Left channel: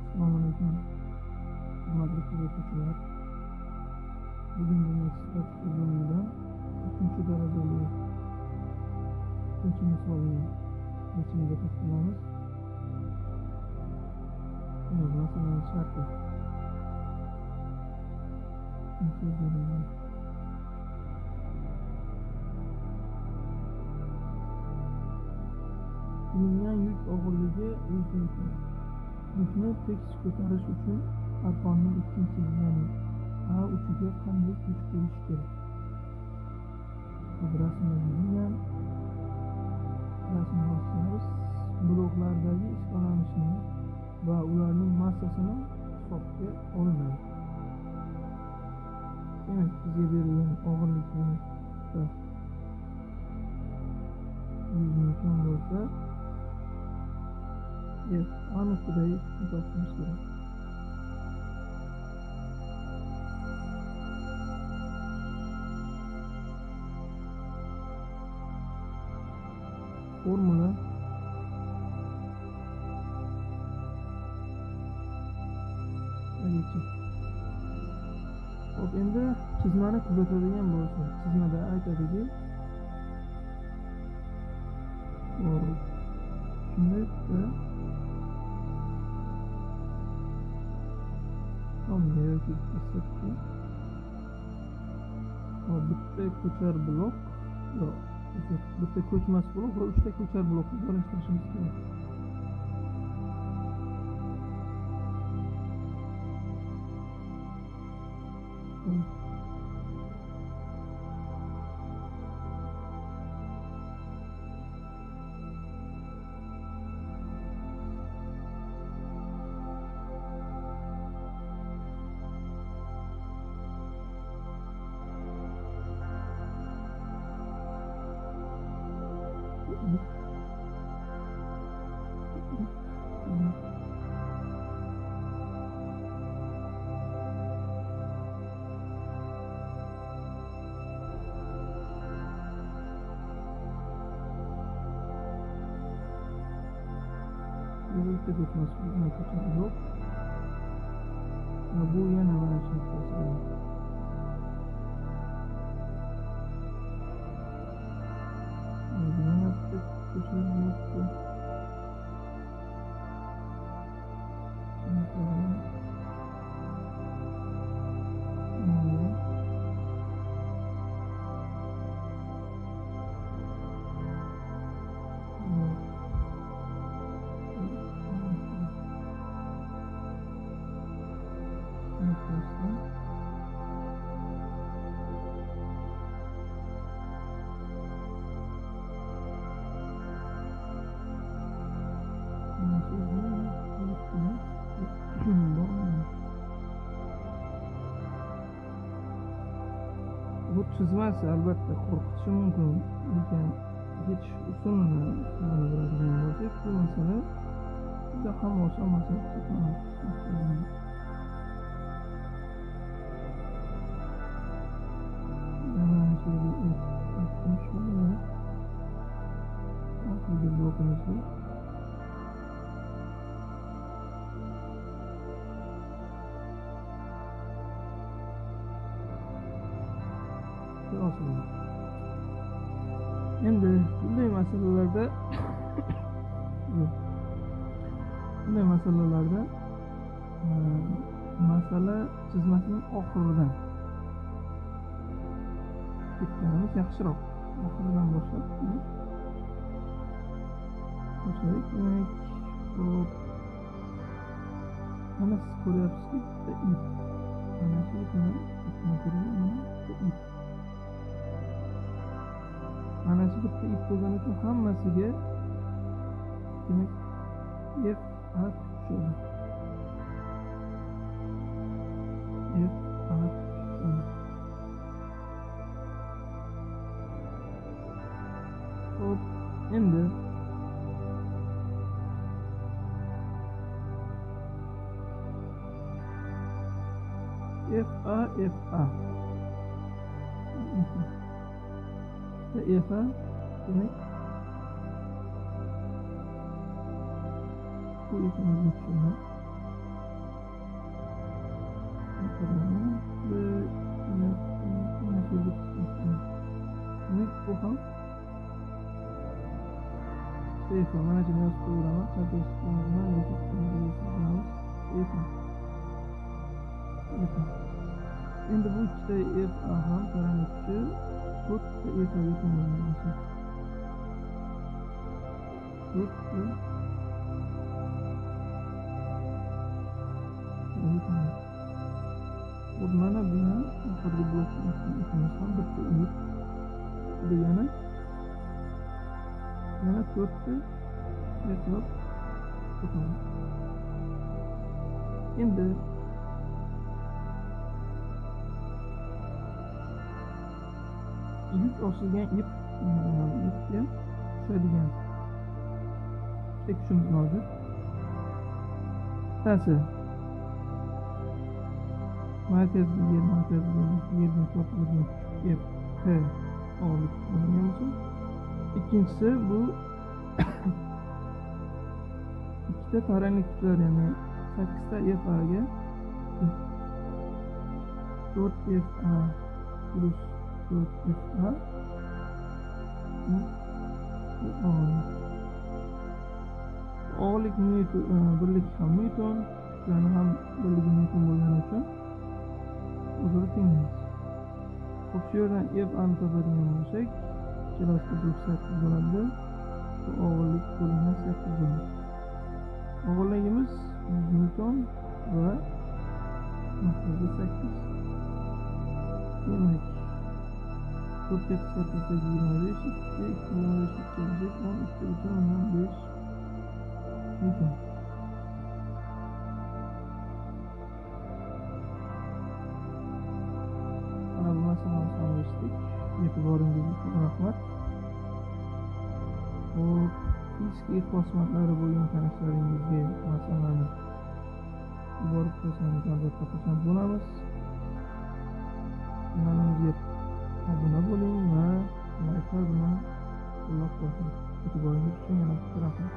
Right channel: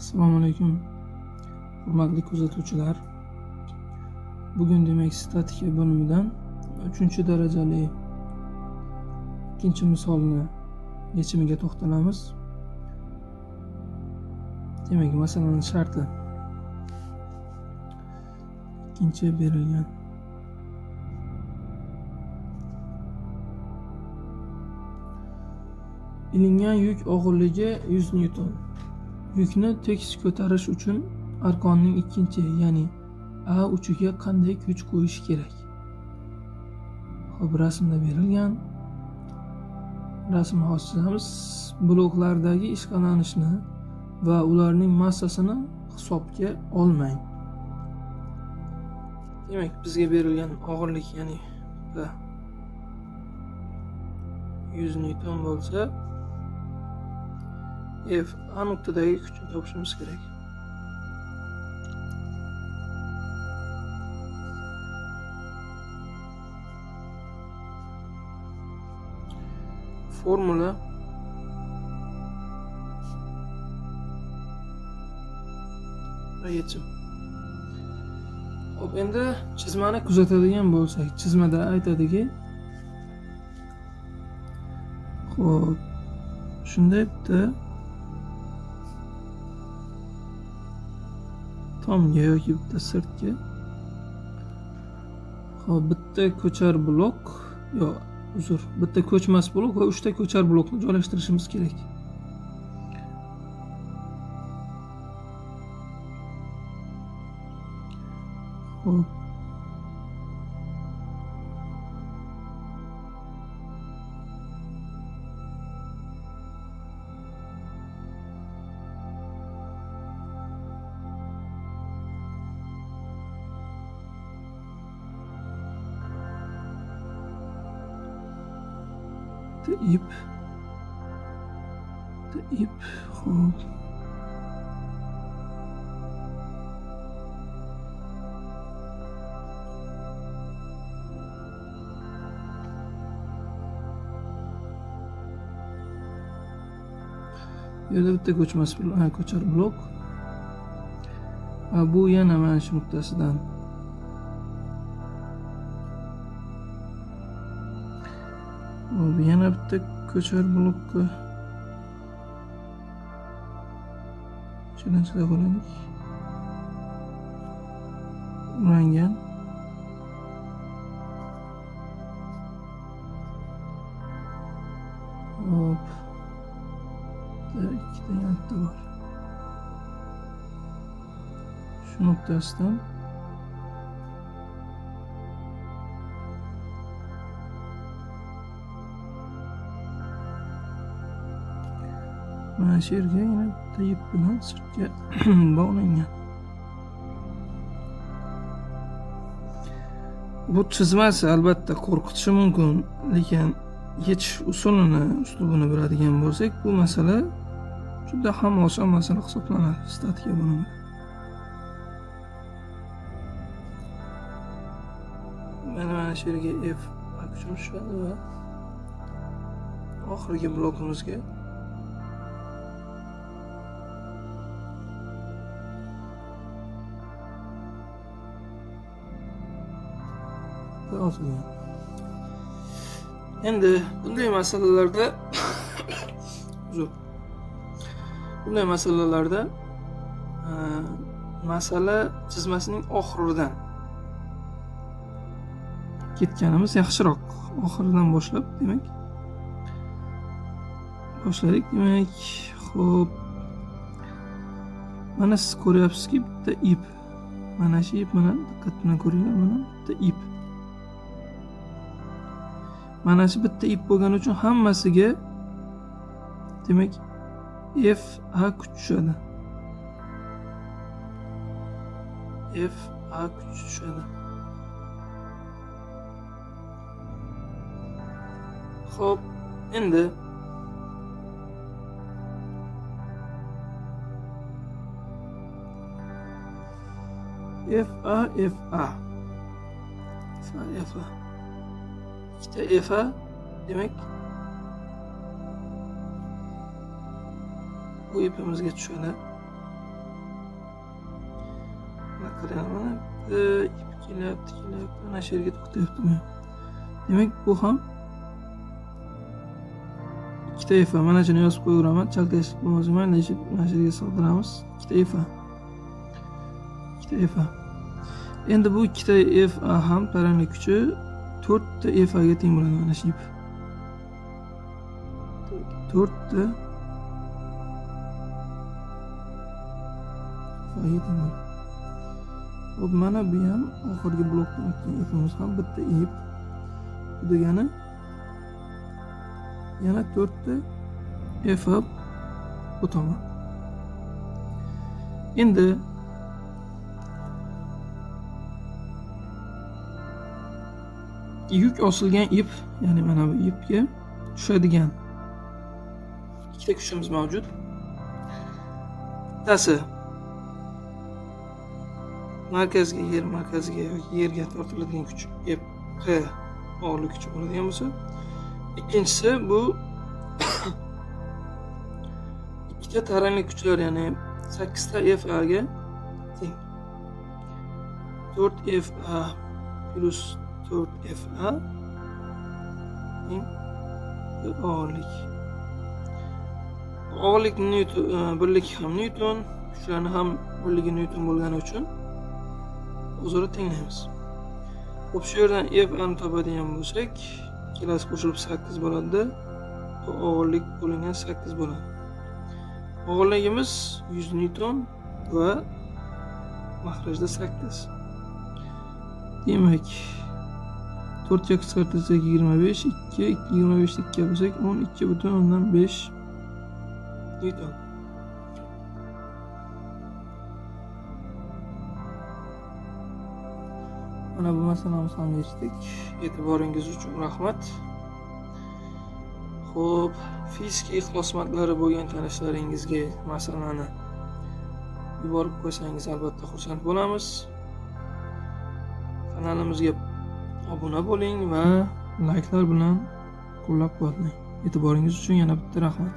Assalomu alaykum, hurmatli kuzatuvchilar. Bugun demak statika bo'limidan 3-darajali ikkinchi misolni yechimiga to'xtalamiz. Demak, masalaning sharti ikkinchi berilgan. Ilingan yuk og'irligi 100 Newton. Yukni tekis ko'tarish uchun arqonning ikkinchi, ya'ni A uchiga qanday kuch qo'yish kerak? Xo'p, rasmda berilgan. Rasmni ochamiz. Bloklardagi ishqalanishni va ularning massasini hisobga olmang. Demak, bizga berilgan og'irlik, ya'ni 100 Newton bo'lsa, F A nuqtadagi kuchni topishimiz kerak. Formula va yechim. Hop, endi chizmani kuzatadigan bo'lsak, chizmada aytadiki, xo'p, shunday bitta tomga yoki bitta sirtga, xo'p, bitta ko'char blok, bitta ko'chmas blok va 3 ta ko'char blokni joylashtirishimiz kerak. Xo'p, ip, xo'p. Bu yerda bitta ko'char blok. Bu yana mana shu nuqtasidan yana bitta ko'char blokka chiqarib qo'yaylik. Ulangan. Hop. Ikkita nuqta bor. Shu nuqtasidan mana shu yerga yana bitta ip bilan sirtga bog'langan. Bu chizmasi albatta qo'rqitishi mumkin, lekin yechish uslubini biladigan bo'lsak, bu masala juda ham oson masala hisoblanadi statika bo'limi. Mana shu yerga F kuchimiz tushadi va oxirgi blokimizga otilgan. Endi bunday masalalarda masala chizmasining oxiridan ketganimiz yaxshiroq. Oxiridan boshlab, demak, boshladik. Demak, xo'p. Mana siz ko'ryapsizki, bitta ip. Mana shu ip bilan diqqat bilan ko'ringlar, mana bitta ip. Mana shu bitta ip bo'lgani uchun hammasiga demak F A kuch tushadi. F A kuch tushadi. Xo'p, endi F A ikkita F A, demak bu ipimizga tushadi. qarang, mana ip kelyapti, mana shu yerga to'xtayaptimi? Demak, bu ham ikkita ifa. Mana shuni yozib qo'yaveraman. Chalkashlik bo'lmasin, mana shu yerga soldiramiz. Ikkita ifa. Endi bu ikkita ifa ham taranglik kuchi 4 ta ifaga teng bo'ladi mana shu ip. 4 ta ifaga teng bo'ladi. Hop, mana bu ham oxirgi blokdan o'tgan ipimiz ham bitta ip. Bu degani yana 4 ta ifa o'taman. Endi yuk osilgan ip, ya'ni mana bu ipga tushadigan ikkita kuchimiz mavjud. Bittasi markazga, yer markaziga yoki yerga tortiladigan kuch, P og'irlik kuchi bo'ladigan bo'lsa, ikkinchisi bu ikkita taranglik kuchlar, ya'ni 8 ta FA ga teng. 4 FA plus 4 FA teng og'irlik. Og'irlik birlik ham Newton, kuchlarni ham birligi Newton bo'lgani uchun o'zaro tenglaymiz. Xo'p, shu yerdan FA ni topadigan bo'lsak, ikkalasi qo'shilib 8 bo'ladi. Bu og'irlik bo'lingan 8 bo'ladi. Og'irligimiz 100 Newton va mahrajda 8. Demak, 4 ga qisqartirsak 25, 2, 25 ni 2 bo'lsak 12,5 Newton. Mana bu masalamizni ham yechdik. E'tiboringiz uchun rahmat. Xo'p, fizika ixlosmandlari bo'lgan tanishlaringizga masalani yuborib qo'ysangiz albatta xursand bo'lamiz. Kanalimizga obuna bo'ling va layklar bilan qo'llab-quvvatlang. E'tiboringiz uchun yana bitta rahmat.